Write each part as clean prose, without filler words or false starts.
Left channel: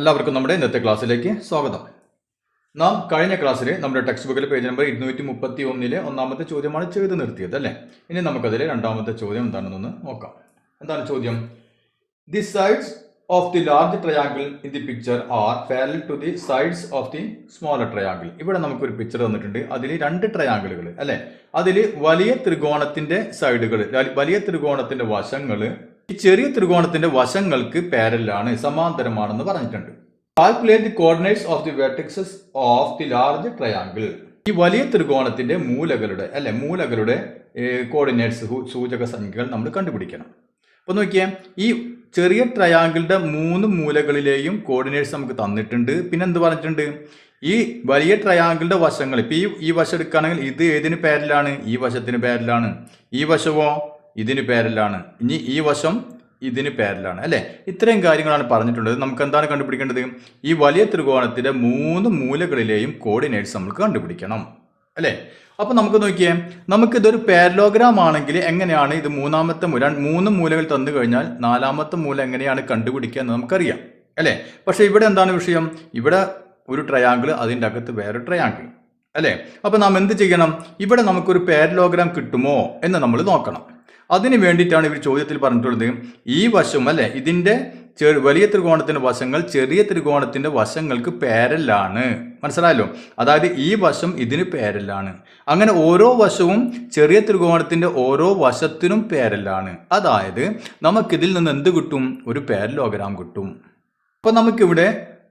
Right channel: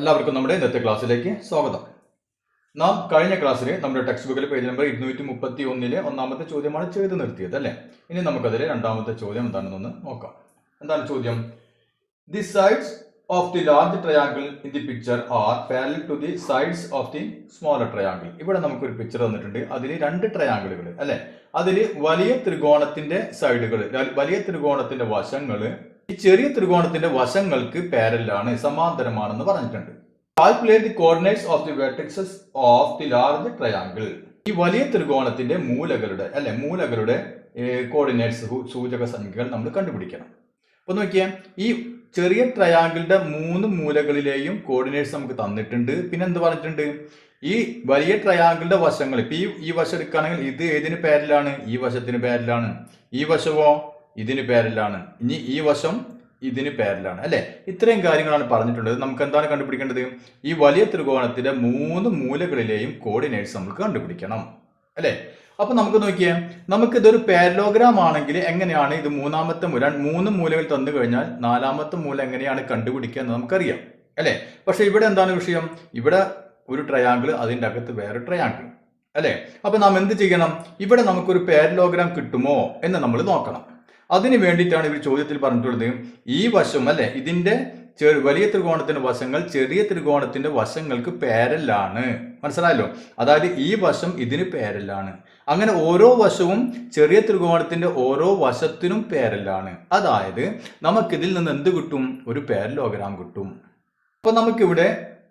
എല്ലാവർക്കും നമ്മുടെ ഇന്നത്തെ ക്ലാസ്സിലേക്ക് സ്വാഗതം. നാം കഴിഞ്ഞ ക്ലാസ്സിൽ നമ്മുടെ ടെക്സ്റ്റ് ബുക്കിലെ പേജ് നമ്പർ 231 ഒന്നാമത്തെ ചോദ്യമാണ് ചെയ്ത് നിർത്തിയത് അല്ലേ. ഇനി നമുക്കതിലെ രണ്ടാമത്തെ ചോദ്യം എന്താണെന്നൊന്ന് നോക്കാം. എന്താണ് ചോദ്യം? The sides of the large triangle in the picture are parallel to the sides of the smaller triangle. ഇവിടെ നമുക്കൊരു പിക്ചർ തന്നിട്ടുണ്ട്. അതിൽ രണ്ട് ട്രയാങ്കിളുകൾ അല്ലെ. അതിൽ വലിയ ത്രികോണത്തിന്റെ സൈഡുകൾ, വലിയ ത്രികോണത്തിന്റെ വശങ്ങൾ ഈ ചെറിയ ത്രികോണത്തിന്റെ വശങ്ങൾക്ക് പാരലാണ്, സമാന്തരമാണെന്ന് പറഞ്ഞിട്ടുണ്ട്. Calculate the coordinates of the vertices of the large triangle. ഈ വലിയ ത്രികോണത്തിന്റെ മൂലകളുടെ കോർഡിനേറ്റ്സ്, സൂചക സംഖ്യകൾ നമ്മൾ കണ്ടുപിടിക്കണം. അപ്പൊ നോക്കിയേ, ഈ ചെറിയ ട്രയാങ്കിളിന്റെ 3 മൂലകളിലെയും കോർഡിനേറ്റ്സ് നമുക്ക് തന്നിട്ടുണ്ട്. പിന്നെ എന്ത് പറഞ്ഞിട്ടുണ്ട്? ഈ വലിയ ട്രയാങ്കിളിന്റെ വശങ്ങൾ, ഇപ്പൊ ഈ വശം എടുക്കുകയാണെങ്കിൽ ഇത് ഏതിന് പാരലാണ്? ഈ വശത്തിന് പാരലാണ്. ഈ വശമോ ഇതിന് പാരലാണ്. ഇനി ഈ വശം ഇതിന് പാരലാണ് അല്ലെ. ഇത്രയും കാര്യങ്ങളാണ് പറഞ്ഞിട്ടുള്ളത്. നമുക്ക് എന്താണ് കണ്ടുപിടിക്കേണ്ടത്? ഈ വലിയ ത്രികോണത്തിന്റെ 3 മൂലകളിലെയും കോർഡിനേറ്റ്സ് നമുക്ക് കണ്ടുപിടിക്കണം അല്ലെ. അപ്പൊ നമുക്ക് നോക്കിയേ, നമുക്കിതൊരു പാരലോഗ്രാം ആണെങ്കിൽ എങ്ങനെയാണ് ഇത് 3 മൂലകൾ തന്നു കഴിഞ്ഞാൽ 4ാമത്തെ മൂല എങ്ങനെയാണ് കണ്ടുപിടിക്കുക എന്ന് നമുക്കറിയാം അല്ലെ. പക്ഷെ ഇവിടെ എന്താണ് വിഷയം? ഇവിടെ ഒരു ട്രയാങ്കിൾ, അതിൻ്റെ അകത്ത് വേറെ ട്രയാങ്കിൾ അല്ലെ. അപ്പൊ നാം എന്ത് ചെയ്യണം? ഇവിടെ നമുക്കൊരു പാരലോഗ്രാം കിട്ടുമോ എന്ന് നമ്മൾ നോക്കണം. അതിന് വേണ്ടിയിട്ടാണ് ഇവർ ചോദ്യത്തിൽ പറഞ്ഞിട്ടുള്ളത്, ഈ വശം അല്ലെ, ഇതിന്റെ വലിയ ത്രികോണത്തിന്റെ വശങ്ങൾ ചെറിയ ത്രികോണത്തിന്റെ വശങ്ങൾക്ക് പാരലാണ്. മനസ്സിലായല്ലോ? അതായത് ഈ വശം ഇതിന് പാരലാണ്. അങ്ങനെ ഓരോ വശവും ചെറിയ ത്രികോണത്തിന്റെ ഓരോ വശത്തിനും പാരലാണ്. അതായത് നമുക്കിതിൽ നിന്ന് എന്ത് കിട്ടും? ഒരു പാരലോഗ്രാം കിട്ടും. അപ്പൊ നമുക്കിവിടെ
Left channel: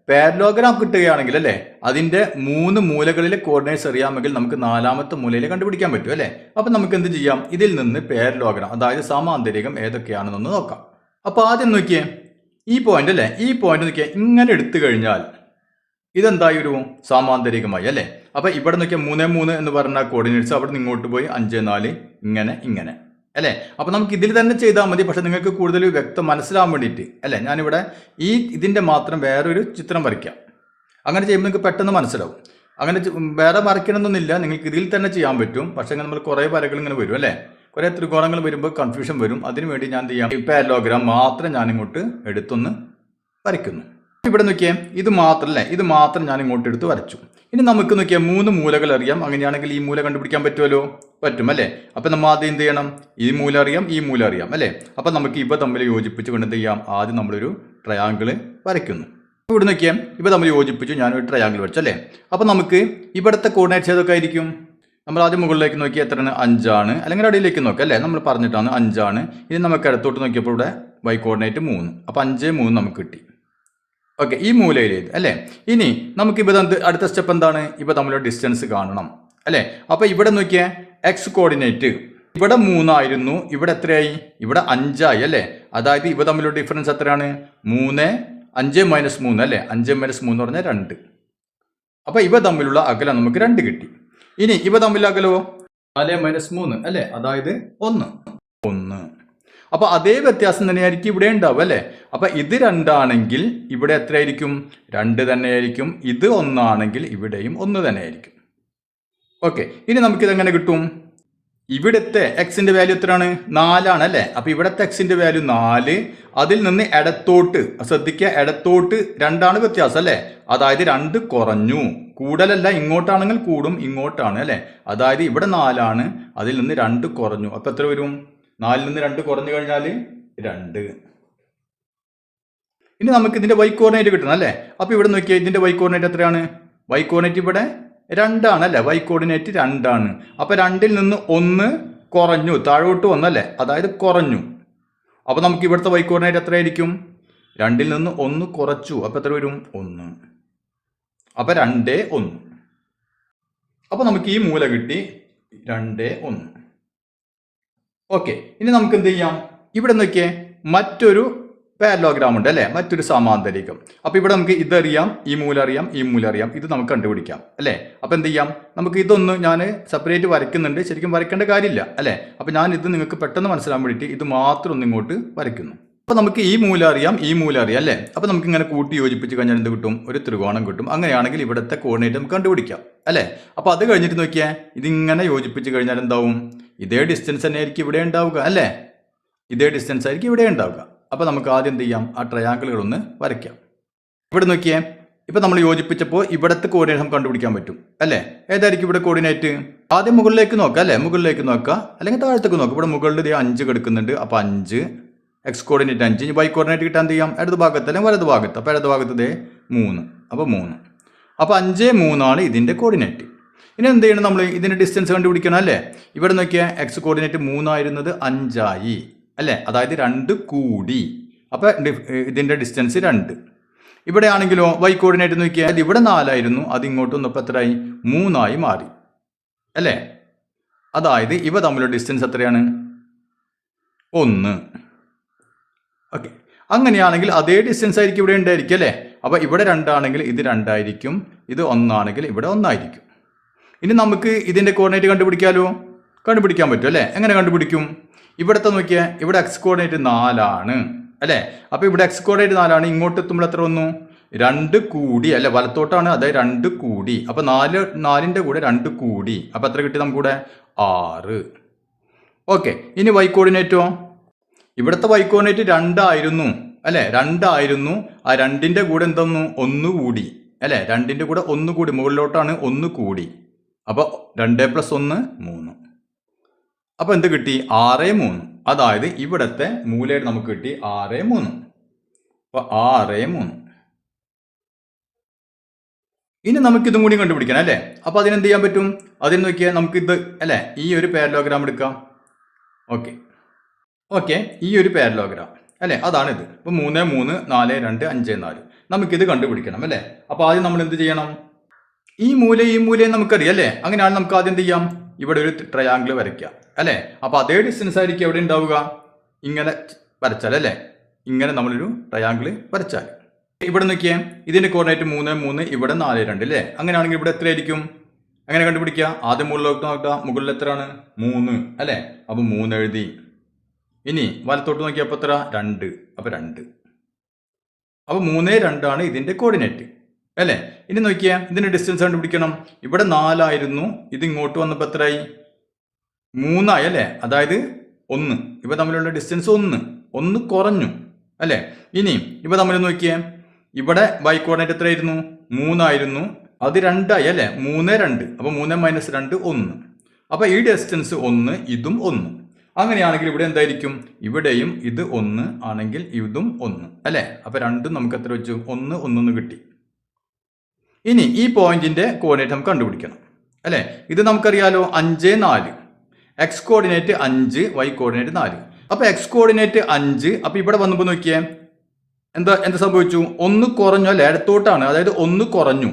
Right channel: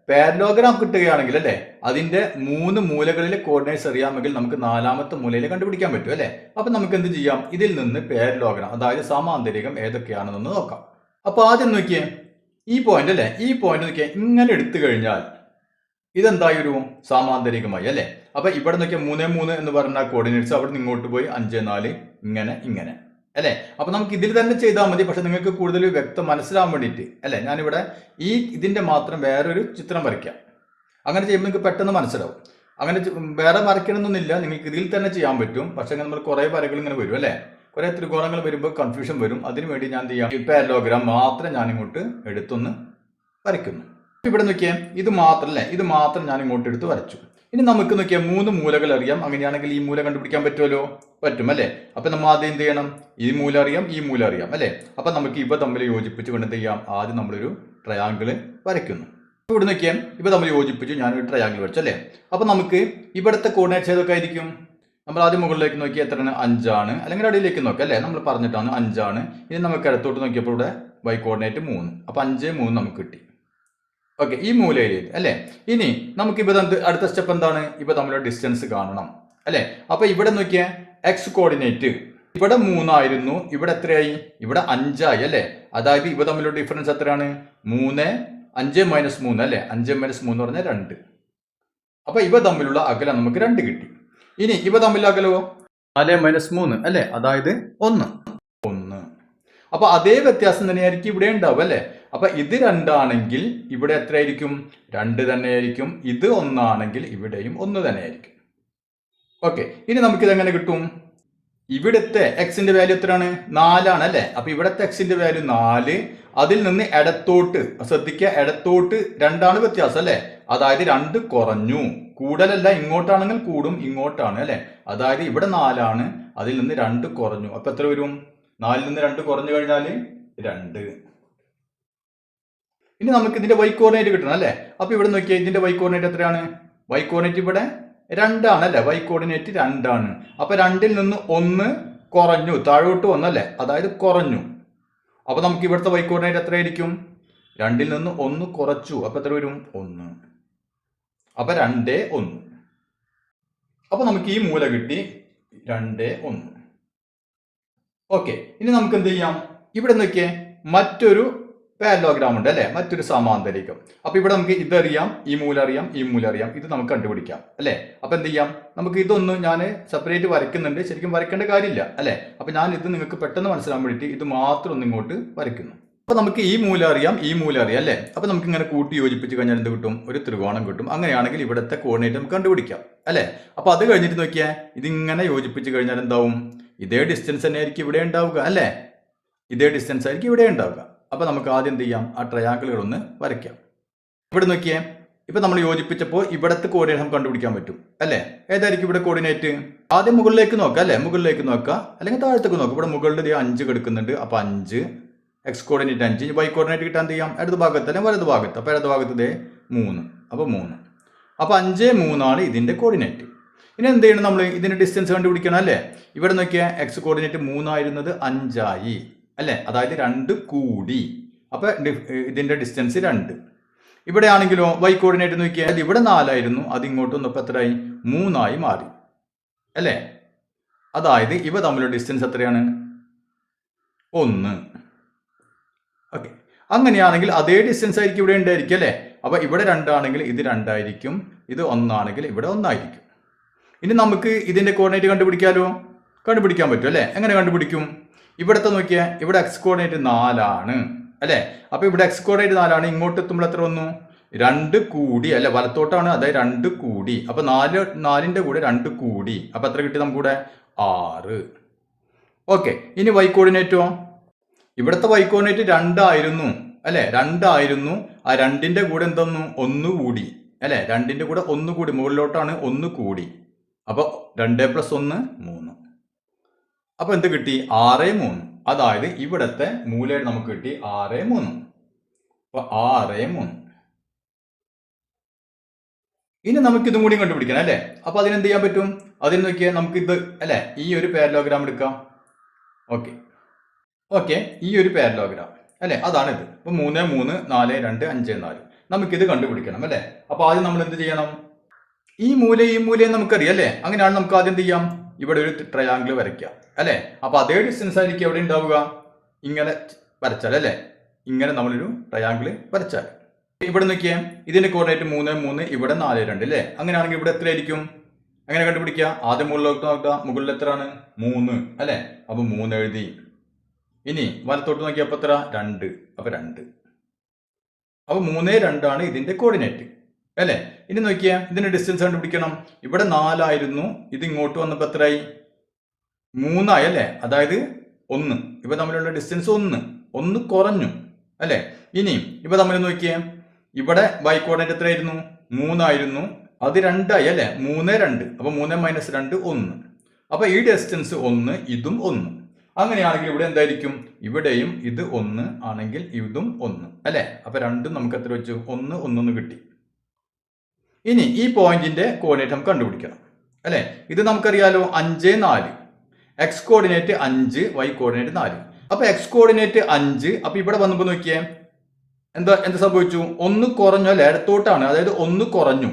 പാരലോഗ്രാം കിട്ടുകയാണെങ്കിൽ അല്ലെ, അതിന്റെ 3 മൂലകളിലെ കോർഡിനേറ്റ്സ് അറിയാമെങ്കിൽ നമുക്ക് 4ാമത്തെ മൂലയിൽ കണ്ടുപിടിക്കാൻ പറ്റും അല്ലെ. അപ്പൊ നമുക്ക് എന്ത് ചെയ്യാം? ഇതിൽ നിന്ന് പാരലോഗ്രാം, അതായത് സമാന്തരികം ഏതൊക്കെയാണെന്നൊന്ന് നോക്കാം. അപ്പൊ ആദ്യം നോക്കിയേ, ഈ പോയിന്റ് അല്ലെ, ഈ പോയിന്റ് നോക്കിയേ, ഇങ്ങനെ എടുത്തു കഴിഞ്ഞാൽ ഇതെന്തായി ഒരു സമാന്തരികമായി അല്ലെ. അപ്പൊ ഇവിടെ നോക്കിയാൽ 3, 3 എന്ന് പറഞ്ഞ കോർഡിനേറ്റ്സ് അവിടെ നിന്ന് ഇങ്ങോട്ട് പോയി 5, 4 ഇങ്ങനെ അല്ലെ. അപ്പൊ നമുക്ക് ഇതിൽ തന്നെ ചെയ്താൽ മതി. പക്ഷെ നിങ്ങൾക്ക് കൂടുതൽ വ്യക്തം മനസ്സിലാവാൻ വേണ്ടിയിട്ട് അല്ലെ, ഞാനിവിടെ ഇതിന്റെ മാത്രം വേറൊരു ചിത്രം വരയ്ക്കാം. അങ്ങനെ ചെയ്യുമ്പോൾ നിങ്ങൾക്ക് പെട്ടെന്ന് മനസ്സിലാവും. അങ്ങനെ വേറെ വരയ്ക്കണമെന്നൊന്നുമില്ല, നിങ്ങൾക്ക് ഇതിൽ തന്നെ ചെയ്യാൻ പറ്റും. പക്ഷെ നമ്മൾ കുറെ വരകൾ ഇങ്ങനെ വരും അല്ലെ, കുറെ ത്രികോണങ്ങൾ വരുമ്പോൾ കൺഫ്യൂഷൻ വരും. അതിനുവേണ്ടി ഞാൻ ചെയ്യാം, ഈ പാരലോഗ്രാം മാത്രം ഞാൻ ഇങ്ങോട്ട് എടുത്തൊന്ന് വരയ്ക്കുന്നു. ഇവിടെ നോക്കിയേ, ഇത് മാത്രം അല്ലെ, ഇത് മാത്രം ഞാൻ ഇങ്ങോട്ട് എടുത്ത് വരച്ചു. ഇനി നമുക്ക് നോക്കിയാൽ 3 മൂലകൾ അറിയാം. അങ്ങനെയാണെങ്കിൽ ഈ മൂല കണ്ടുപിടിക്കാൻ പറ്റുമല്ലോ? പറ്റും അല്ലെ. അപ്പൊ നമ്മൾ ആദ്യം എന്ത് ചെയ്യണം? ഈ മൂല അറിയാം, ഈ മൂല അറിയാം അല്ലെ. അപ്പൊ നമുക്ക് ഇവ തമ്മിൽ യോജിപ്പിച്ച് കൊണ്ട് എന്ത് ചെയ്യാം? ആദ്യം നമ്മളൊരു ട്രയാങ്കിൾ വരയ്ക്കുന്നു. ഇവിടെ നോക്കിയാൽ ഇവ തമ്മിൽ യോജിപ്പിച്ചു, ഞാനൊരു ട്രയാങ്കിൾ വരച്ചു അല്ലെ. അപ്പൊ നമുക്ക് ഇവിടുത്തെ കോർഡിനേറ്റ്സ് ഏതൊക്കെ ആയിരിക്കും? നമ്മൾ ആദ്യം മുകളിലേക്ക് നോക്കി എത്രയാണ്? 5 ആണ്. അല്ലെങ്കിൽ അടിയിലേക്ക് നോക്കാം അല്ലെ, നമ്മൾ പറഞ്ഞിട്ടാണ് 5 ആണ്. ഇനി നമുക്ക് ഇടത്തോട്ട് നോക്കിയപ്പോൾ ഇവിടെ y കോർഡിനേറ്റ് 3. അപ്പൊ 5, 3 നമുക്ക് കിട്ടി. ഓക്കെ, ഈ മൂലയിലേക്ക് അല്ലെ. ഇനി നമുക്ക് ഇവ അടുത്ത സ്റ്റെപ്പ് എന്താണ്? ഇവ തമ്മിലുള്ള ഡിസ്റ്റൻസ് കാണണം അല്ലെ. അപ്പൊ ഇവിടെ നോക്കിയേ, എക്സ് കോർഡിനേറ്റ് ഇവിടെ 3 ആയിരുന്നു, ഇവിടെ എത്രയായി? ഇവിടെ 5 ആയി അല്ലെ. അതായത് ഇവ തമ്മിലുള്ള ഡിഫറൻസ് എത്രയാണ്? 3, 5 - 3 അല്ലെ. 5 - 3 എന്ന് പറഞ്ഞാൽ 2. അപ്പൊ ഇവ തമ്മിലുള്ള അകലം നമുക്ക് 2 കിട്ടി. ഇനി ഇവ തമ്മിലുള്ള അകലോ 4 - 3 അല്ലെ, അതായത് 1. അപ്പൊ അതേ വ്യത്യാസം തന്നെയായിരിക്കും ഇവിടെ ഉണ്ടാവും അല്ലെ. അപ്പൊ ഇത് 2 ആണെങ്കിൽ ഇവിടെ എത്രയായിരിക്കും? 2 തന്നെയായിരിക്കും. ഇത് 1 ആണെങ്കിൽ ഇവിടെയും 1 തന്നെയായിരിക്കും. ഓക്കെ, ഇനി നമുക്കിത് എങ്ങനെ കിട്ടും? ഇവിടുത്തെ എക്സിന്റെ വാല്യൂ എത്രയാണ്? 4 ആണ് അല്ലെ. അപ്പൊ ഇവിടുത്തെ എക്സിന്റെ വാല്യൂ 4. അതിൽ നിന്ന് ഇടത്തോട്ട് ശ്രദ്ധിക്കുക, ഇടത്തോട്ട് 2 ആണ് വ്യത്യാസം അല്ലെ. അതായത് 2 കുറഞ്ഞു. കൂടലല്ല, ഇങ്ങോട്ടാണെങ്കിൽ കൂടും, ഇങ്ങോട്ടാണ് അല്ലെ. അതായത് ഇവിടെ 4 ആണ്, അതിൽ നിന്ന് 2 കുറഞ്ഞു. അപ്പൊ എത്ര വരും? 4 നിന്ന് 2 കുറഞ്ഞു കഴിഞ്ഞാൽ 2. ഇനി നമുക്ക് ഇതിന്റെ y കോർഡിനേറ്റ് കിട്ടണം അല്ലെ. അപ്പൊ ഇവിടെ നോക്കിയാൽ ഇതിന്റെ y കോർഡിനേറ്റ് എത്രയാണ്? y കോർഡിനേറ്റ് ഇവിടെ 2 ആണ് അല്ലെ. y കോർഡിനേറ്റ് 2 ആണ്. അപ്പൊ 2ൽ നിന്ന് 1 കുറഞ്ഞു, താഴോട്ട് വന്നു അല്ലെ, അതായത് കുറഞ്ഞു. അപ്പൊ നമുക്ക് ഇവിടുത്തെ y കോർഡിനേറ്റ് എത്രയായിരിക്കും? 2ൽ നിന്ന് 1 കുറച്ചു. അപ്പൊ എത്ര വരും? 1. അപ്പൊ 2, 1. അപ്പൊ നമുക്ക് ഈ മൂല കിട്ടി, 2, 1. ഓക്കെ, ഇനി നമുക്ക് എന്ത് ചെയ്യാം? ഇവിടെ നോക്കിയേ, മറ്റൊരു പാരലോഗ്രാം ഉണ്ട് അല്ലെ, മറ്റൊരു സമാന്തരികം. അപ്പൊ ഇവിടെ നമുക്ക് ഇതറിയാം, ഈ മൂല അറിയാം, ഈ മൂല അറിയാം, ഇത് നമുക്ക് കണ്ടുപിടിക്കാം അല്ലെ. അപ്പൊ എന്ത് ചെയ്യാം? നമുക്ക് ഇതൊന്നും ഞാൻ സെപ്പറേറ്റ് വരയ്ക്കുന്നുണ്ട്, ശരിക്കും വരയ്ക്കേണ്ട കാര്യമില്ല അല്ലെ. അപ്പൊ ഞാൻ ഇത് നിങ്ങൾക്ക് പെട്ടെന്ന് മനസ്സിലാൻ വേണ്ടിയിട്ട് ഇത് മാത്രം ഒന്ന് ഇങ്ങോട്ട് വരയ്ക്കുന്നു. അപ്പൊ നമുക്ക് ഈ മൂല അറിയാം, ഈ മൂല അറിയാം അല്ലെ. അപ്പൊ നമുക്ക് ഇങ്ങനെ കൂട്ടി യോജിപ്പിച്ച് കഴിഞ്ഞാൽ എന്ത് കിട്ടും? ഒരു ത്രികോണം കിട്ടും. അങ്ങനെയാണെങ്കിൽ ഇവിടുത്തെ കോർഡിനേറ്റ് നമുക്ക് കണ്ടുപിടിക്കാം അല്ലെ. അപ്പൊ അത് കഴിഞ്ഞിട്ട് നോക്കിയാൽ ഇതിങ്ങനെ യോജിപ്പിച്ച് കഴിഞ്ഞാൽ എന്താവും? ഇതേ ഡിസ്റ്റൻസ് തന്നെ ആയിരിക്കും ഇവിടെ ഉണ്ടാവുക അല്ലെ. ഇതേ ഡിസ്റ്റൻസ് ആയിരിക്കും ഇവിടെ ഉണ്ടാവുക. അപ്പൊ നമുക്ക് ആദ്യം എന്ത് ചെയ്യാം? ആ ട്രയാങ്കിളുകൾ ഒന്ന് വരയ്ക്കാം. ഇവിടെ നോക്കിയേ, ഇപ്പൊ നമ്മൾ യോജിപ്പിച്ചപ്പോൾ ഇവിടത്തെ കോർഡിനേറ്റ് നമുക്ക് കണ്ടുപിടിക്കാൻ പറ്റും അല്ലേ? ഏതായിരിക്കും ഇവിടെ കോർഡിനേറ്റ്? ആദ്യം മുകളിലേക്ക് നോക്കാം അല്ലേ? മുകളിലേക്ക് നോക്കുക, അല്ലെങ്കിൽ താഴത്തേക്ക് നോക്കാം. ഇവിടെ മുകളിൽ 5 കിടക്കുന്നുണ്ട്. അപ്പൊ 5 എക്സ് കോർഡിനേറ്റ് 5. ഇനി വൈ കോർഡിനേറ്റ് കിട്ടാൻ എന്ത് ചെയ്യാം? ഇടത് ഭാഗത്ത് അല്ലെങ്കിൽ വലത് ഭാഗത്ത്. അപ്പൊ ഇടത് ഭാഗത്ത് 3. അപ്പൊ 3. അപ്പൊ 5, 3 ആണ് ഇതിന്റെ കോർഡിനേറ്റ്. ഇനി എന്ത് ചെയ്യണം? നമ്മൾ ഇതിന്റെ ഡിസ്റ്റൻസ് കണ്ടുപിടിക്കണം അല്ലേ? ഇവിടെ നോക്കിയാൽ എക്സ് കോർഡിനേറ്റ് 3 ആയിരുന്നത് 5 ആയി അല്ലേ? അതായത് 2 കൂടി. അപ്പൊ ഇതിന്റെ ഡിസ്റ്റൻസ് 2. ഇവിടെ ആണെങ്കിലോ വൈ കോർഡിനേറ്റ് നോക്കിയാൽ ഇവിടെ 4 ആയിരുന്നു, അത് ഇങ്ങോട്ട് വന്നപ്പോൾ എത്രയായി? 3 ആയി മാറി അല്ലേ? അതായത് ഇവ തമ്മിലുള്ള ഡിസ്റ്റൻസ് എത്രയാണ്? 1. ഓക്കെ, അങ്ങനെയാണെങ്കിൽ അതേ ഡിസ്റ്റൻസ് ആയിരിക്കും ഇവിടെ ഉണ്ടായിരിക്കും അല്ലേ? അപ്പൊ ഇവിടെ 2 ആണെങ്കിൽ ഇത് 2 ആയിരിക്കും, ഇത് 1 ആണെങ്കിൽ ഇവിടെ 1 ആയിരിക്കും. ഇനി നമുക്ക് ഇതിന്റെ കോർഡിനേറ്റ് കണ്ടുപിടിക്കാൻ പറ്റും അല്ലേ? എങ്ങനെ കണ്ടുപിടിക്കും? ഇവിടത്തെ നോക്കിയാൽ ഇവിടെ എക്സ് കോർഡിനേറ്റ് 4 ആണ് അല്ലേ? അപ്പൊ ഇവിടെ എക്സ് കോർഡിനേറ്റ് 4 ആണ്. ഇങ്ങോട്ട് എത്തുമ്പോൾ എത്ര വന്നു? 2 കൂടി അല്ലെ? വലത്തോട്ടാണ്, അതായത് 2 കൂടി. അപ്പൊ 4ന്റെ കൂടെ 2 കൂടി. അപ്പൊ എത്ര കിട്ടി നമുക്കിവിടെ? 6. ഓക്കെ, ഇനി വൈ കോർഡിനേറ്റോ? ഇവിടുത്തെ വൈ കോർഡിനേറ്റ് 2 ആയിരുന്നു അല്ലെ? 2 ആയിരുന്നു. ആ 2ന്റെ കൂടെ എന്തൊന്നു? 1 കൂടി അല്ലെ? 2ന്റെ കൂടെ 1 കൂടി, മുകളിലോട്ടാണ് 1 കൂടി. അപ്പൊ 2 + 1 3. അപ്പൊ എന്ത് കിട്ടി? 6, 3. അതായത് ഇവിടത്തെ മൂലയുടെ നമുക്ക് കിട്ടി 6, 3. അപ്പൊ 6, 3. ഇനി നമുക്ക് ഇതും കൂടി കണ്ടുപിടിക്കണം അല്ലേ? അപ്പൊ അതിനെന്ത് ചെയ്യാൻ പറ്റും? അതിന് നോക്കിയാൽ നമുക്ക് ഇത് അല്ലെ, ഈ ഒരു പാരലോഗ്രാം എടുക്കാം. ഓക്കെ, ഈ ഒരു പാരലോഗ്രാം അല്ലെ, അതാണ് ഇത്. ഇപ്പൊ 3, 3, 4, 2, 5, 4. നമുക്കിത് കണ്ടുപിടിക്കണം അല്ലെ? അപ്പൊ ആദ്യം നമ്മൾ എന്ത് ചെയ്യണം? ഈ മൂലയും നമുക്കറിയാം അല്ലേ? അങ്ങനെയാണ് നമുക്ക് ആദ്യം എന്ത് ചെയ്യാം? ഇവിടെ ഒരു ട്രയാങ്കിൾ വരയ്ക്കാം അല്ലെ? അപ്പൊ അതേ ഡിസ്റ്റൻസ് ആയിരിക്കും എവിടെ ഉണ്ടാവുക? ഇങ്ങനെ വരച്ചാൽ അല്ലെ? ഇങ്ങനെ നമ്മളൊരു ട്രയാങ്കിൾ വരച്ചാൽ ഇവിടെ നോക്കിയേ, ഇതിന്റെ കോർഡിനേറ്റ് 3, 3, ഇവിടെ 4, 2 അല്ലേ? അങ്ങനെയാണെങ്കിൽ ഇവിടെ എത്രയായിരിക്കും? അങ്ങനെ കണ്ടുപിടിക്കുക. ആദ്യം മുകളിലോട്ട് നോക്കുക. മുകളിൽ എത്രയാണ്? 3 അല്ലെ? അപ്പൊ 3 എഴുതി. ഇനി വലത്തോട്ട് നോക്കിയപ്പോൾ എത്ര? 2. അപ്പൊ 2. അപ്പൊ 3, 2 ആണ് ഇതിന്റെ കോർഡിനേറ്റ് അല്ലെ? ഇനി നോക്കിയാ, ഇതിന്റെ ഡിസ്റ്റൻസ് കണ്ടുപിടിക്കണം. ഇവിടെ 4 ആയിരുന്നു, ഇത് ഇങ്ങോട്ട് വന്നപ്പോൾ എത്രയായി? 3 ആയി അല്ലെ? അതായത് 1. ഇവ തമ്മിലുള്ള ഡിസ്റ്റൻസ് 1 കുറഞ്ഞു അല്ലെ? ഇനി ഇവ തമ്മിൽ നോക്കിയേ, ഇവിടെ വൈ കോർഡിനേറ്റ് എത്രയായിരുന്നു? 3 ആയിരുന്നു, അത് 2 ആയി അല്ലെ? 3, 2. അപ്പൊ 3 - 2 1. അപ്പൊ ഈ ഡിസ്റ്റൻസ് 1, ഇതും 1. അങ്ങനെയാണെങ്കിൽ ഇവിടെ എന്തായിരിക്കും? ഇവിടെയും ഇത് 1 ആണെങ്കിൽ ഇതും 1 അല്ലെ? അപ്പൊ രണ്ടും നമുക്ക് എത്ര വെച്ചു? 1, 1 കിട്ടി. ഇനി ഈ പോയിന്റിന്റെ കോർഡിനേറ്റ് നമുക്ക് കണ്ടുപിടിക്കണം അല്ലെ? ഇത് നമുക്കറിയാലോ, 5, 4. X coordinate 5, y coordinate 4. അപ്പൊ എക്സ് കോർഡിനേറ്റ് 5. അപ്പൊ ഇവിടെ വന്നപ്പോൾ നോക്കിയേ, എന്ത് സംഭവിച്ചു? 1 കുറഞ്ഞു അല്ലെ? ഇടത്തോട്ടാണ്, അതായത് 1 കുറഞ്ഞു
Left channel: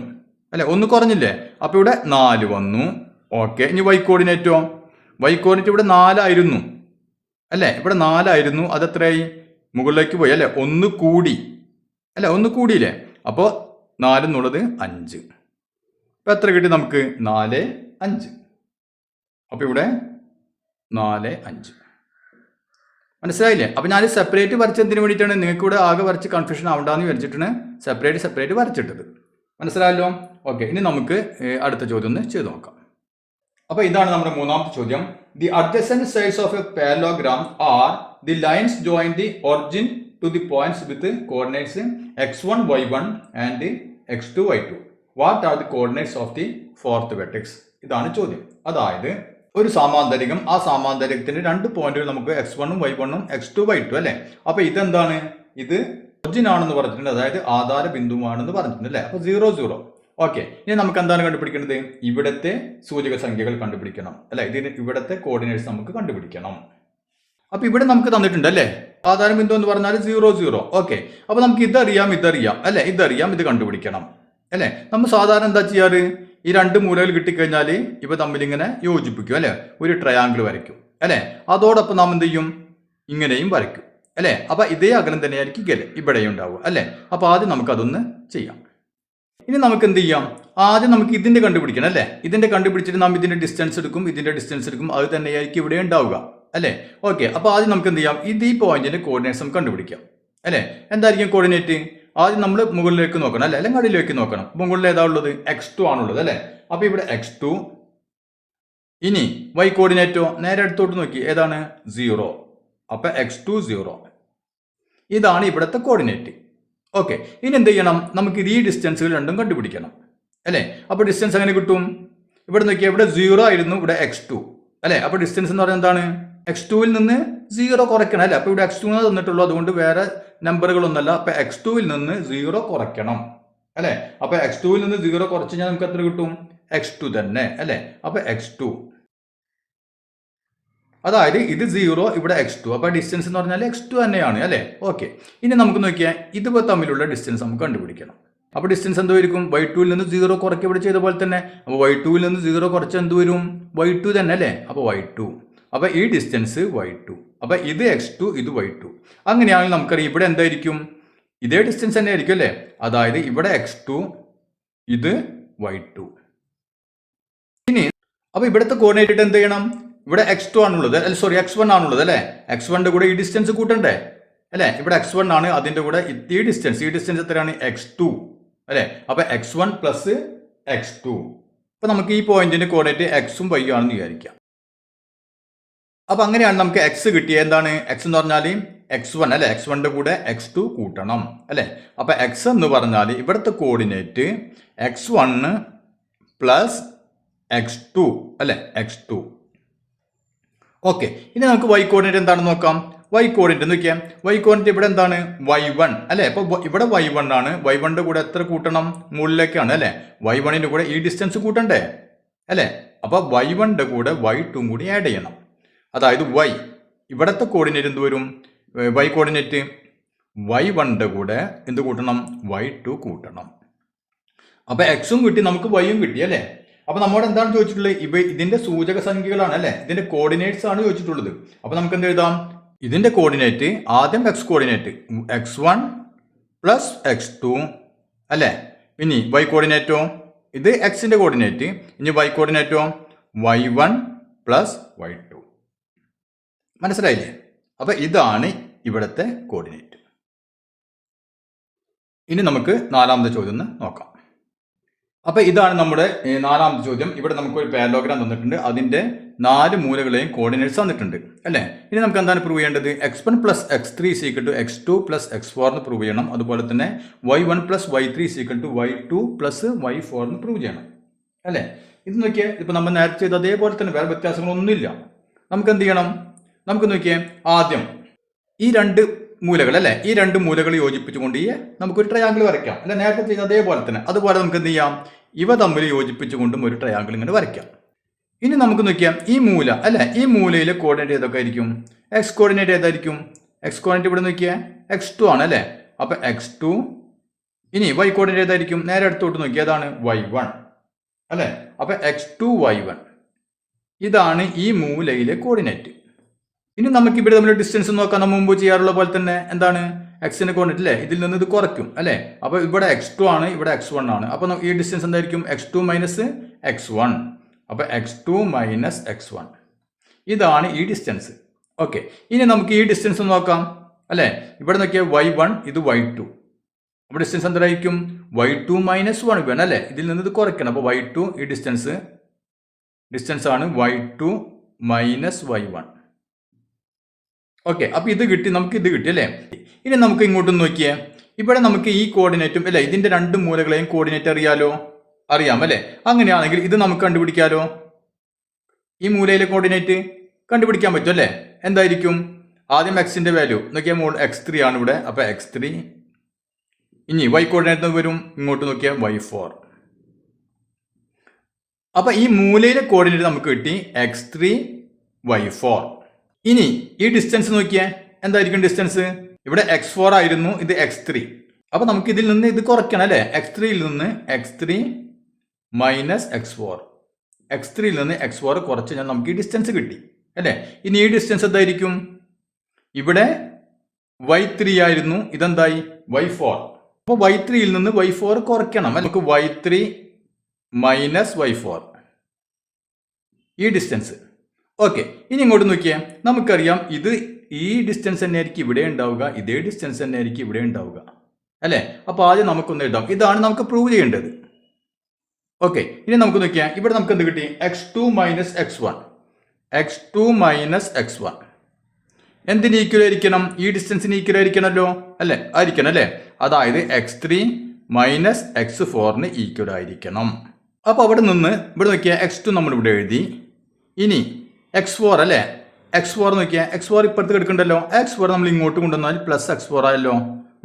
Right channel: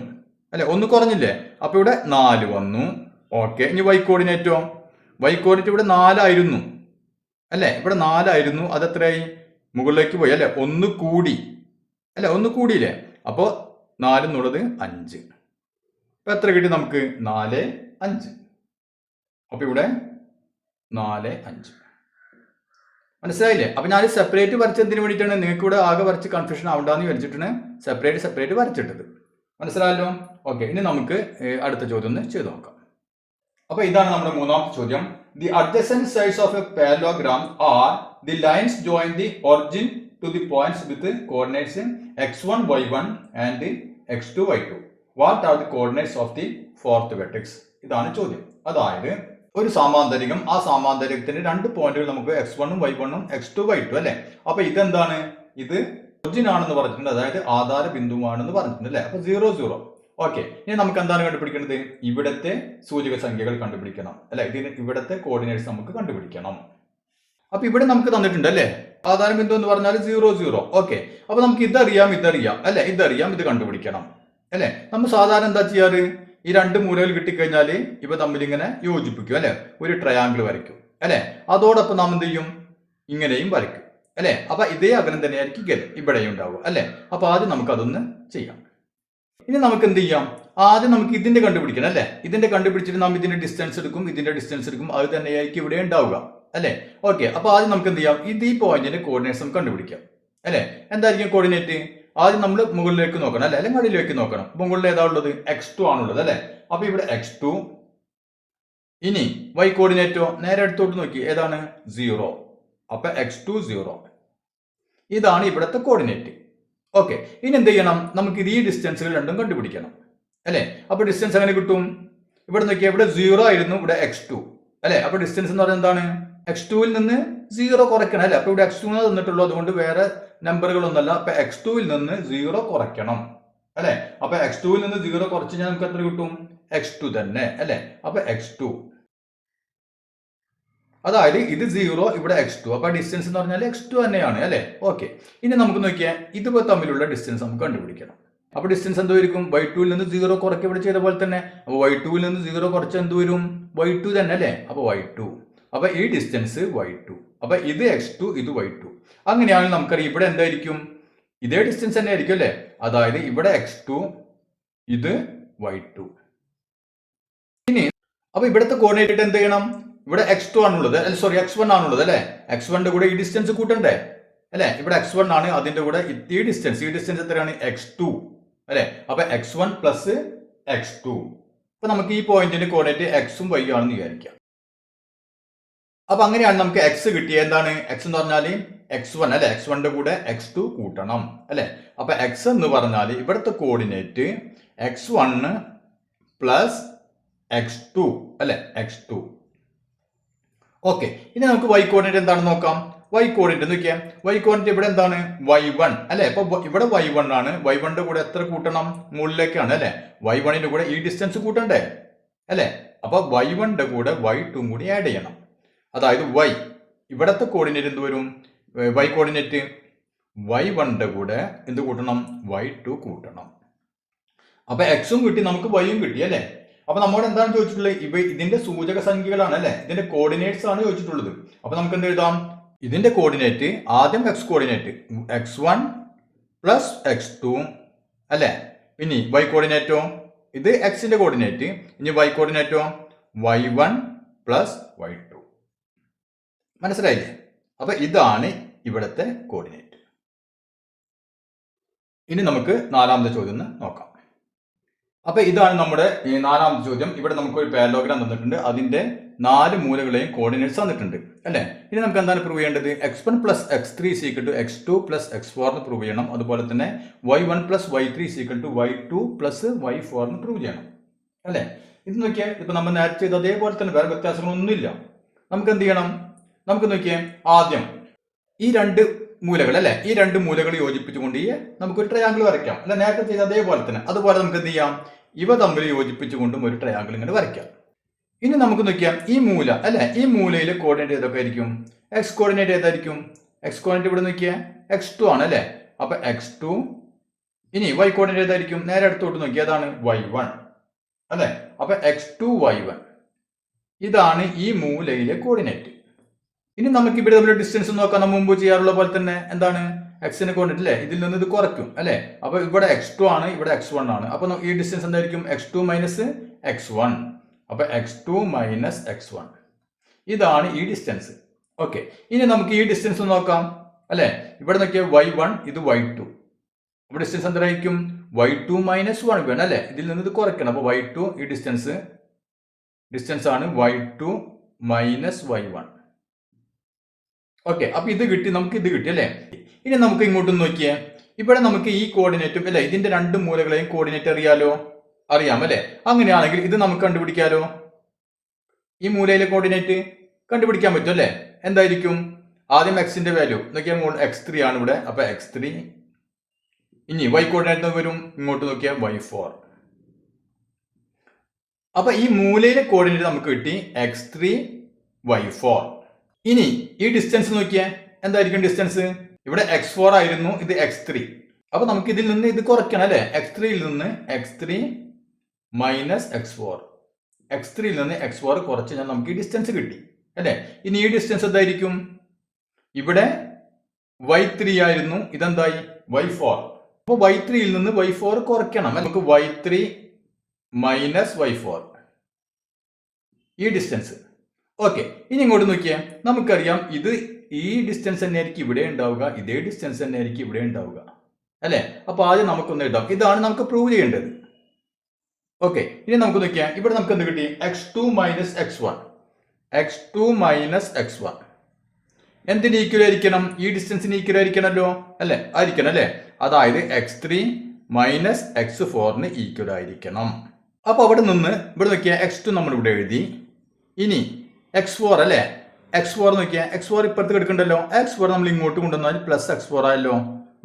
അല്ലെ? 1 കുറഞ്ഞില്ലേ? അപ്പൊ ഇവിടെ 4 വന്നു. ഓക്കെ, ഇനി വൈ കോർഡിനേറ്റോ? വൈ കോർഡിനേറ്റ് ഇവിടെ 4 ആയിരുന്നു അല്ലെ? ഇവിടെ 4 ആയിരുന്നു, അത് എത്രയായി? മുകളിലേക്ക് പോയി അല്ലെ? 1 കൂടി അല്ലെ? 1 കൂടിയില്ലേ? അപ്പോ 4 എന്നുള്ളത് 5. അപ്പൊ എത്ര കിട്ടി നമുക്ക്? 4, 5. അപ്പൊ ഇവിടെ 4, 5. മനസ്സിലായില്ലേ? അപ്പൊ ഞാൻ സെപ്പറേറ്റ് വരച്ചതിന് വേണ്ടിയിട്ടാണ്, നിങ്ങൾക്ക് ഇവിടെ ആകെ വരച്ച് കൺഫ്യൂഷൻ ആവണ്ടെന്ന് വിചാരിച്ചിട്ടാണ് സെപ്പറേറ്റ് വരച്ചിട്ടത്. മനസ്സിലായല്ലോ? ഓക്കെ, ഇനി നമുക്ക് അടുത്ത ചോദ്യം ഒന്ന് ചെയ്ത് നോക്കാം. അപ്പൊ ഇതാണ് നമ്മുടെ മൂന്നാമത്തെ ചോദ്യം. The adjacent sides of a parallelogram are the lines join the origin to the points with coordinates x1, y1 and x2, y2. What are the coordinates of the fourth vertex? ഇതാണ് ചോദ്യം. അതായത് ഒരു സാമാന്തരികം, ആ സാമാന്തരികത്തിന്റെ 2 പോയിന്റുകൾ നമുക്ക് x1, y1, x2, y2 അല്ലെ? അപ്പൊ ഇതെന്താണ്? ഇത് ഒറിജിൻ ആണെന്ന് പറഞ്ഞിട്ടുണ്ട്, അതായത് ആധാര ബിന്ദുവാണെന്ന് പറഞ്ഞിട്ടുണ്ട് അല്ലെ? അപ്പൊ 0, 0. ഓക്കെ, ഇനി നമുക്ക് എന്താണ് കണ്ടുപിടിക്കേണ്ടത്? ഇവിടത്തെ സൂചക സംഖ്യകൾ കണ്ടുപിടിക്കണം അല്ലെ? ഇതിന് ഇവിടത്തെ കോർഡിനേറ്റ്സ് നമുക്ക് കണ്ടുപിടിക്കണം. അപ്പൊ ഇവിടെ നമുക്ക് തന്നിട്ടുണ്ട് അല്ലെ? ആധാര ബിന്ദു എന്ന് പറഞ്ഞാൽ 0, 0. ഓക്കെ, അപ്പൊ നമുക്ക് ഇതറിയാം അല്ലെ? ഇതറിയാം, ഇത് കണ്ടുപിടിക്കണം അല്ലെ? നമ്മൾ സാധാരണ എന്താ ചെയ്യാറ്? ഈ 2 മൂലകൾ കിട്ടിക്കഴിഞ്ഞാൽ ഇവ തമ്മിൽ ഇങ്ങനെ യോജിപ്പിക്കും അല്ലെ? ഒരു ട്രയാങ്കിൾ വരയ്ക്കും അല്ലെ? അതോടൊപ്പം നാം എന്ത് ചെയ്യും? ഇങ്ങനെയും വരയ്ക്കും അല്ലെ? അപ്പൊ ഇതേ അകലം തന്നെയായിരിക്കും ഇവിടെയും ഉണ്ടാവുക അല്ലെ? അപ്പൊ ആദ്യം നമുക്ക് അതൊന്ന് ചെയ്യാം. ഇനി നമുക്ക് എന്ത് ചെയ്യാം? ആദ്യം നമുക്ക് ഇതിന്റെ കണ്ടുപിടിക്കണം അല്ലെ? ഇതിന്റെ കണ്ടുപിടിച്ചിട്ട് നാം ഇതിന്റെ ഡിസ്റ്റൻസ് എടുക്കും, അത് തന്നെയായിരിക്കും ഇവിടെ ഉണ്ടാവുക അല്ലെ? ഓക്കെ, അപ്പൊ ആദ്യം നമുക്ക് എന്ത് ചെയ്യാം? ഈ പോയിന്റിന്റെ കോർഡിനേറ്റ്സ് നമുക്ക് കണ്ടുപിടിക്കാം അല്ലെ? എന്തായിരിക്കും കോർഡിനേറ്റ്? ആദ്യം നമ്മൾ മുകളിലേക്ക് നോക്കണം അല്ലെ? അല്ലെങ്കിൽ അടിയിലേക്ക് നോക്കണം. മുകളിൽ ഏതാ ഉള്ളത്? x2 ആണുള്ളത് അല്ലെ? അപ്പൊ ഇവിടെ x2. ഇനി y കോർഡിനേറ്റോ? നേരെ അടുത്തോട്ട് നോക്കി, ഏതാണ്? 0. അപ്പൊ x2, 0. ഇതാണ് ഇവിടുത്തെ കോർഡിനേറ്റ്. ഓക്കെ, ഇനി എന്ത് ചെയ്യണം? നമുക്ക് ഈ ഡിസ്റ്റൻസുകൾ രണ്ടും കണ്ടുപിടിക്കണം അല്ലേ? അപ്പോൾ ഡിസ്റ്റൻസ് എങ്ങനെ കിട്ടും? ഇവിടെ നോക്കിയാൽ ഇവിടെ 0 ആയിരുന്നു, ഇവിടെ x2 അല്ലേ? അപ്പോൾ ഡിസ്റ്റൻസ് എന്ന് പറയുന്നത് എന്താണ്? x2ൽ നിന്ന് 0 കുറയ്ക്കണം അല്ലേ? അപ്പോൾ ഇവിടെ x2 തന്നിട്ടുള്ളൂ, അതുകൊണ്ട് വേറെ നമ്പറുകളൊന്നുമല്ല. അപ്പോൾ x2ൽ നിന്ന് 0 കുറയ്ക്കണം അല്ലേ? അപ്പോൾ x2ൽ നിന്ന് 0 കുറച്ച് കഴിഞ്ഞാൽ നമുക്ക് എത്ര കിട്ടും? x2 തന്നെ അല്ലേ? അപ്പോൾ x2, അതായത് ഇത് 0, ഇവിടെ x2. അപ്പോൾ ഡിസ്റ്റൻസ് എന്ന് പറഞ്ഞാൽ x2 തന്നെയാണ് അല്ലേ? ഓക്കെ, ഇനി നമുക്ക് നോക്കിയാൽ ഇതുപോലെ തമ്മിലുള്ള ഡിസ്റ്റൻസ് നമുക്ക് കണ്ടുപിടിക്കണം. അപ്പോൾ ഡിസ്റ്റൻസ് എന്തായിരിക്കും? y2ൽ നിന്ന് 0 കുറയ്ക്കുക ഇവിടെ ചെയ്ത പോലെ തന്നെ. അപ്പോൾ y2ൽ നിന്ന് 0 കുറച്ച് എന്ത് വരും? y2 തന്നെ അല്ലേ? അപ്പോൾ y2. അപ്പോൾ ഈ ഡിസ്റ്റൻസ് y2. അപ്പോൾ ഇത് x2, ഇത് y2. അങ്ങനെയാണെങ്കിൽ നമുക്കറിയാം ഇവിടെ എന്തായിരിക്കും? ഇതേ ഡിസ്റ്റൻസ് തന്നെ ആയിരിക്കും അല്ലേ? അതായത് ഇവിടെ x2, ഇത് y2. ഇനി അപ്പോൾ ഇവിടുത്തെ കോർഡിനേറ്റ് എന്ത് ചെയ്യണം? ഇവിടെ x2 ആണുള്ളത്, സോറി x1 ആണുള്ളത് അല്ലേ? x1ന്റെ കൂടെ ഈ ഡിസ്റ്റൻസ് കൂട്ടണ്ടേ അല്ലേ? ഇവിടെ x1 ആണ്, അതിന്റെ കൂടെ ഈ ഡിസ്റ്റൻസ് എത്രയാണ്? x2 അല്ലേ? അപ്പൊ x1 പ്ലസ് x2. അപ്പൊ നമുക്ക് ഈ പോയിന്റിന്റെ കോർഡിനേറ്റ് x ഉം y ആണെന്ന് വിചാരിക്കാം. അപ്പൊ അങ്ങനെയാണ് നമുക്ക് x കിട്ടിയത്. എന്താണ് x എന്ന് പറഞ്ഞാൽ? x1 അല്ലെ? x1ന്റെ കൂടെ x2 കൂട്ടണം അല്ലെ? അപ്പൊ x എന്ന് പറഞ്ഞാൽ ഇവിടുത്തെ കോർഡിനേറ്റ് x1 പ്ലസ് x2 അല്ലെ? x2. ഓക്കെ, ഇനി നമുക്ക് y കോർഡിനേറ്റ് എന്താണെന്ന് നോക്കാം. y കോർഡിനേറ്റ് നോക്കിയാൽ y കോർഡിനേറ്റ് ഇവിടെ എന്താണ്? y1 അല്ലെ? അപ്പൊ ഇവിടെ y1 ആണ്. y1ന്റെ കൂടെ എത്ര കൂട്ടണം? മുകളിലേക്കാണ് അല്ലെ? y1ന്റെ കൂടെ ഈ ഡിസ്റ്റൻസ് കൂട്ടണ്ടേ അല്ലെ? അപ്പൊ y1ന്റെ കൂടെ y2 കൂടി ആഡ് ചെയ്യണം. അതായത് y ഇവിടത്തെ കോർഡിനേറ്റ് എന്ത് വരും? y കോർഡിനേറ്റ് y1ന്റെ കൂടെ എന്ത് കൂട്ടണം? y2 കൂട്ടണം. അപ്പൊ x ഉം കിട്ടി, നമുക്ക് y ഉം കിട്ടി അല്ലെ? അപ്പൊ നമ്മോട് എന്താണ് ചോദിച്ചിട്ടുള്ളത്? ഇതിന്റെ സൂചക സംഖ്യകളാണ് അല്ലെ? ഇതിന്റെ കോർഡിനേറ്റ്സ് ആണ് ചോദിച്ചിട്ടുള്ളത്. അപ്പൊ നമുക്ക് എന്ത് എഴുതാം? ഇതിന്റെ കോർഡിനേറ്റ് ആദ്യം x coordinate x1 plus x2 അല്ലെ? ഇനി y കോർഡിനേറ്റോ ഇത് എക്സിന്റെ കോർഡിനേറ്റ്, ഇനി y കോർഡിനേറ്റോ y1 പ്ലസ് y2. മനസ്സിലായില്ലേ? അപ്പൊ ഇതാണ് ഇവിടുത്തെ കോർഡിനേറ്റ്. ഇനി നമുക്ക് നാലാമത്തെ ചോദ്യം നോക്കാം. അപ്പൊ ഇതാണ് നമ്മുടെ നാലാമത്തെ ചോദ്യം. ഇവിടെ നമുക്ക് ഒരു പാരലോഗ്രാം തന്നിട്ടുണ്ട്, അതിന്റെ 4 മൂലകളെയും കോർഡിനേറ്റ്സ് തന്നിട്ടുണ്ട് അല്ലെ? ഇനി നമുക്ക് എന്താണ് പ്രൂവ് ചെയ്യേണ്ടത്? x1 plus x3 = x2 plus x4 എന്ന് പ്രൂവ് ചെയ്യണം. അതുപോലെ തന്നെ y1 plus y3 = y2 plus y4 എന്ന് പ്രൂവ് ചെയ്യണം അല്ലെ? ഇത് നോക്കിയാൽ ഇപ്പൊ നമ്മൾ നേരത്തെ ചെയ്ത അതേപോലെ തന്നെ, വേറെ വ്യത്യാസങ്ങളൊന്നുമില്ല. നമുക്ക് എന്ത് ചെയ്യണം? നമുക്ക് നോക്കിയാൽ ആദ്യം ഈ 2 മൂലകൾ അല്ലെ? ഈ 2 മൂലകൾ യോജിപ്പിച്ചുകൊണ്ട് നമുക്കൊരു ട്രയാങ്കിൾ വരയ്ക്കാം അല്ലെ? നേരത്തെ ചെയ്ത അതേപോലെ തന്നെ. അതുപോലെ നമുക്ക് എന്ത് ചെയ്യാം? ഇവ തമ്മിൽ യോജിപ്പിച്ചുകൊണ്ടും ഒരു ട്രയാങ്കിൾ ഇങ്ങനെ വരയ്ക്കാം. ഇനി നമുക്ക് നോക്കിയാൽ ഈ മൂല അല്ലെ? ഈ മൂലയിലെ കോർഡിനേറ്റ് ഏതൊക്കെ ആയിരിക്കും? എക്സ് കോർഡിനേറ്റ് ഏതായിരിക്കും? എക്സ് കോർഡിനേറ്റ് ഇവിടെ നോക്കിയാൽ x2 ആണ് അല്ലെ? അപ്പൊ x2. ഇനി y കോർഡിനേറ്റ് ഏതായിരിക്കും? നേരെ അടുത്തോട്ട് നോക്കിയാൽ ഏതാണ്? y1 അല്ലെ? അപ്പൊ x2 y1. ഇതാണ് ഈ മൂലയിലെ കോർഡിനേറ്റ്. ഇനി നമുക്ക് ഇവിടെ തമ്മിൽ ഡിസ്റ്റൻസ് നോക്കാൻ നമ്മൾ മുമ്പ് ചെയ്യാറുള്ള പോലെ തന്നെ. എന്താണ്? എക്സിനെ കോർഡിനേറ്റ് അല്ലേ? ഇതിൽ നിന്ന് ഇത് കുറയ്ക്കും അല്ലെ? അപ്പൊ ഇവിടെ x2 ആണ്, ഇവിടെ x1 ആണ്. അപ്പൊ ഈ ഡിസ്റ്റൻസ് എന്തായിരിക്കും? x2 minus x1. അപ്പൊ x2 മൈനസ് x1. ഇതാണ് ഈ ഡിസ്റ്റൻസ്. ഓക്കെ, ഇനി നമുക്ക് ഈ ഡിസ്റ്റൻസ് നോക്കാം അല്ലെ? ഇവിടെ നോക്കിയാൽ y1, ഇത് y2. അപ്പൊ ഡിസ്റ്റൻസ് എന്തായിരിക്കും? y2 മൈനസ് 1 വേണം അല്ലെ? ഇതിൽ നിന്ന് ഇത് കുറയ്ക്കണം. അപ്പൊ y2 ഈ ഡിസ്റ്റൻസ് ആണ് y2 മൈനസ് y1. ഓക്കെ, അപ്പൊ ഇത് കിട്ടി, നമുക്ക് ഇത് കിട്ടി അല്ലേ? ഇനി നമുക്ക് ഇങ്ങോട്ടും നോക്കിയേ. ഇവിടെ നമുക്ക് ഈ കോർഡിനേറ്റും അല്ലെ? ഇതിന്റെ 2 മൂലകളെയും കോർഡിനേറ്റ് അറിയാം അല്ലെ? അങ്ങനെയാണെങ്കിൽ ഇത് നമുക്ക് കണ്ടുപിടിക്കാലോ. ഈ മൂലയിലെ കോർഡിനേറ്റ് കണ്ടുപിടിക്കാൻ പറ്റും അല്ലെ? എന്തായിരിക്കും? ആദ്യം എക്സിന്റെ വാല്യൂ നോക്കിയാൽ x3 ആണ് ഇവിടെ. അപ്പൊ x3. ഇനി y കോർഡിനേറ്റ് വരും, ഇങ്ങോട്ട് നോക്കിയാൽ y4. അപ്പൊ ഈ മൂലയിലെ കോർഡിനേറ്റ് നമുക്ക് കിട്ടി x3 y4. ഇനി ഈ ഡിസ്റ്റൻസ് നോക്കിയാൽ എന്തായിരിക്കും ഡിസ്റ്റൻസ്? ഇവിടെ x4 ആയിരുന്നു, ഇത് x3. അപ്പൊ നമുക്ക് ഇതിൽ നിന്ന് ഇത് കുറയ്ക്കണം അല്ലെ? x3യിൽ നിന്ന് x3 മൈനസ് x4. x3യിൽ നിന്ന് x4 കുറച്ച് കഴിഞ്ഞാൽ നമുക്ക് ഈ ഡിസ്റ്റൻസ് കിട്ടി അല്ലെ? ഇനി ഈ ഡിസ്റ്റൻസ് എന്തായിരിക്കും? ഇവിടെ y3 ആയിരുന്നു, ഇതെന്തായി? y4. അപ്പൊ y3യിൽ നിന്ന് y4 കുറയ്ക്കണം. നമുക്ക് y3 മൈനസ് y4 ഈ ഡിസ്റ്റൻസ്. ഓക്കെ, ഇനി ഇങ്ങോട്ട് നോക്കിയാൽ നമുക്കറിയാം ഇത് ഈ ഡിസ്റ്റൻസ് തന്നെ ആയിരിക്കും ഇവിടെ ഉണ്ടാവുക, ഇതേ ഡിസ്റ്റൻസ് തന്നെ ആയിരിക്കും ഇവിടെ ഉണ്ടാവുക അല്ലെ? അപ്പൊ ആദ്യം നമുക്കൊന്ന് എഴുതാം. ഇതാണ് നമുക്ക് പ്രൂവ് ചെയ്യേണ്ടത്. ഓക്കെ, ഇനി നമുക്ക് നോക്കിയാൽ ഇവിടെ നമുക്ക് എന്ത് കിട്ടി? x2 minus x1. x2 minus x1 എന്തിന് ഈക്വൽ ആയിരിക്കണം? ഈ ഡിസ്റ്റൻസിന് ഈക്വൽ ആയിരിക്കണമല്ലോ അല്ലെ? ആയിരിക്കണം അല്ലെ? അതായത് x3 മൈനസ് x4 ഈക്വൽ ആയിരിക്കണം. അപ്പോൾ അവിടെ നിന്ന് ഇവിടെ നോക്കിയാൽ x2 നമ്മൾ ഇവിടെ എഴുതി. ഇനി x4 അല്ലേ, x4 നോക്കിയാൽ x4 ഇപ്പുറത്ത് കിടക്കണ്ടല്ലോ. x4 നമ്മൾ ഇങ്ങോട്ട് കൊണ്ടുവന്നാൽ പ്ലസ് x4 ആയല്ലോ,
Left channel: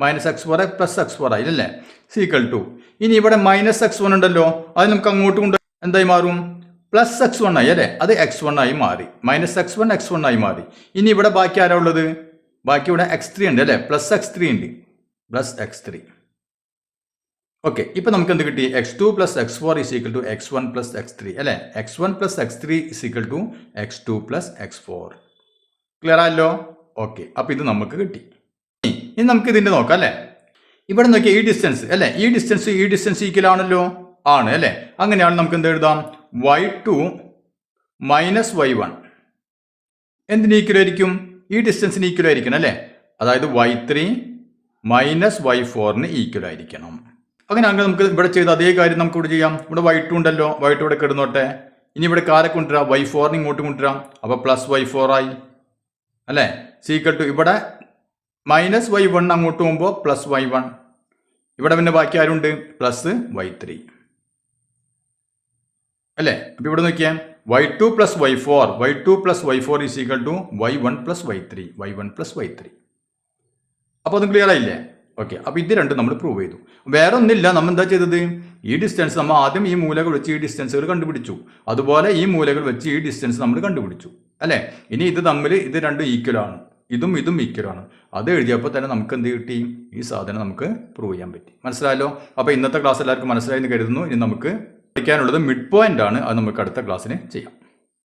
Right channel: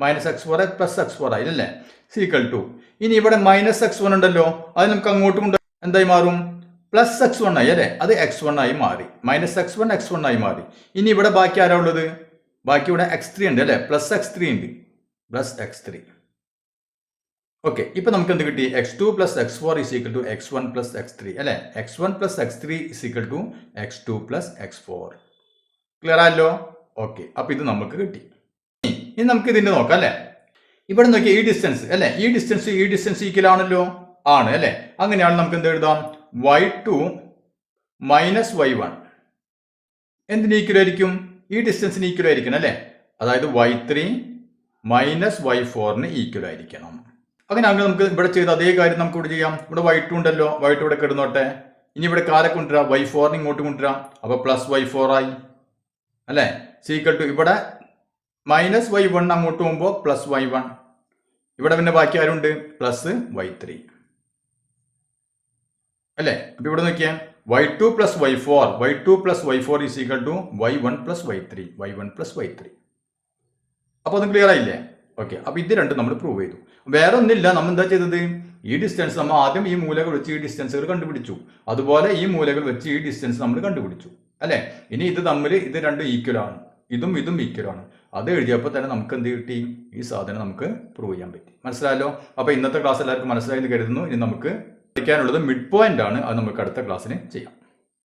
മൈനസ് x4 പ്ലസ് x4 ആയില്ലേ, സീക്വൽ ടു. ഇനി ഇവിടെ മൈനസ് x1 ഉണ്ടല്ലോ, അത് നമുക്ക് അങ്ങോട്ട് കൊണ്ട് എന്തായി മാറും, പ്ലസ് x1 ആയി അല്ലേ, അത് x1 ആയി മാറി. മൈനസ് x1 ആയി മാറി. ഇനി ഇവിടെ ബാക്കി ആരാ ഉള്ളത്, ബാക്കി ഇവിടെ x3 ഉണ്ട് അല്ലേ, പ്ലസ് x3 ഉണ്ട്, പ്ലസ് x3. ഓക്കെ, ഇപ്പൊ നമുക്ക് എന്ത് കിട്ടി, x2 plus x4 is equal to x1 plus x3 അല്ലേ, x1 plus x3 is equal to x2 plus x4. Clear ആയല്ലോ? ഓക്കെ, അപ്പൊ ഇത് നമുക്ക് കിട്ടി. ഇനി നമുക്ക് ഇതിന്റെ നോക്കാം അല്ലേ. ഇവിടെ നോക്കിയാൽ ഈ ഡിസ്റ്റൻസ് അല്ലേ, ഈ ഡിസ്റ്റൻസ് ഈക്വൽ ആണല്ലോ, ആണ് അല്ലേ. അങ്ങനെയാണ് നമുക്ക് എന്ത് എഴുതാം, y2 മൈനസ് y1 എന്തിന് ഈക്വൽ ആയിരിക്കും, ഈ ഡിസ്റ്റൻസിന് ഈക്വൽ ആയിരിക്കണം അല്ലേ, അതായത് y3 മൈനസ് y4 ഈക്വൽ ആയിരിക്കണം. അങ്ങനെ നമുക്ക് ഇവിടെ ചെയ്ത അതേ കാര്യം നമുക്ക് ഇവിടെ ചെയ്യാം. ഇവിടെ y2 ഉണ്ടല്ലോ, y2 ഇവിടെ കിടന്നോട്ടെ. ഇനി ഇവിടെ കാരെ കൊണ്ടുവരാം, y4 ഇങ്ങോട്ട് കൊണ്ടുവരാം, അപ്പോൾ പ്ലസ് y4 ആയി അല്ലേ, സീക്വൽ ടു ഇവിടെ മൈനസ് y1 അങ്ങോട്ട് പോകുമ്പോൾ പ്ലസ് y1. ഇവിടെ പിന്നെ ബാക്കി ആരുണ്ട്, പ്ലസ് y3 അല്ലേ. അപ്പൊ ഇവിടെ നോക്കിയാൽ y2 plus y4 is equal to y1 plus y3. അപ്പോൾ അത് ക്ലിയർ ആയില്ലേ? ഓക്കെ, അപ്പോൾ ഇത് രണ്ടും നമ്മൾ പ്രൂവ് ചെയ്തു. വേറെ ഒന്നില്ല, നമ്മൾ എന്താ ചെയ്തത്, ഈ ഡിസ്റ്റൻസ് നമ്മൾ ആദ്യം ഈ മൂലകൾ വെച്ച് ഈ ഡിസ്റ്റൻസുകൾ കണ്ടുപിടിച്ചു, അതുപോലെ ഈ മൂലകൾ വെച്ച് ഈ ഡിസ്റ്റൻസ് നമ്മൾ കണ്ടുപിടിച്ചു അല്ലേ. ഇനി ഇത് തമ്മിൽ ഇത് രണ്ടും ഈക്വൽ ആണ്, ഇതും ഈക്വൽ ആണ്. അത് എഴുതിയപ്പോൾ തന്നെ നമുക്ക് എന്ത് കിട്ടി, ഈ സാധനം നമുക്ക് പ്രൂവ് ചെയ്യാൻ പറ്റി. മനസ്സിലായല്ലോ? അപ്പോൾ ഇന്നത്തെ ക്ലാസ് എല്ലാവർക്കും മനസ്സിലായി എന്ന് കരുതുന്നു. ഇനി നമുക്ക് പഠിക്കാനുള്ളത് മിഡ് പോയിന്റ് ആണ്, അത് നമുക്ക് അടുത്ത ക്ലാസ്സിന് ചെയ്യാം.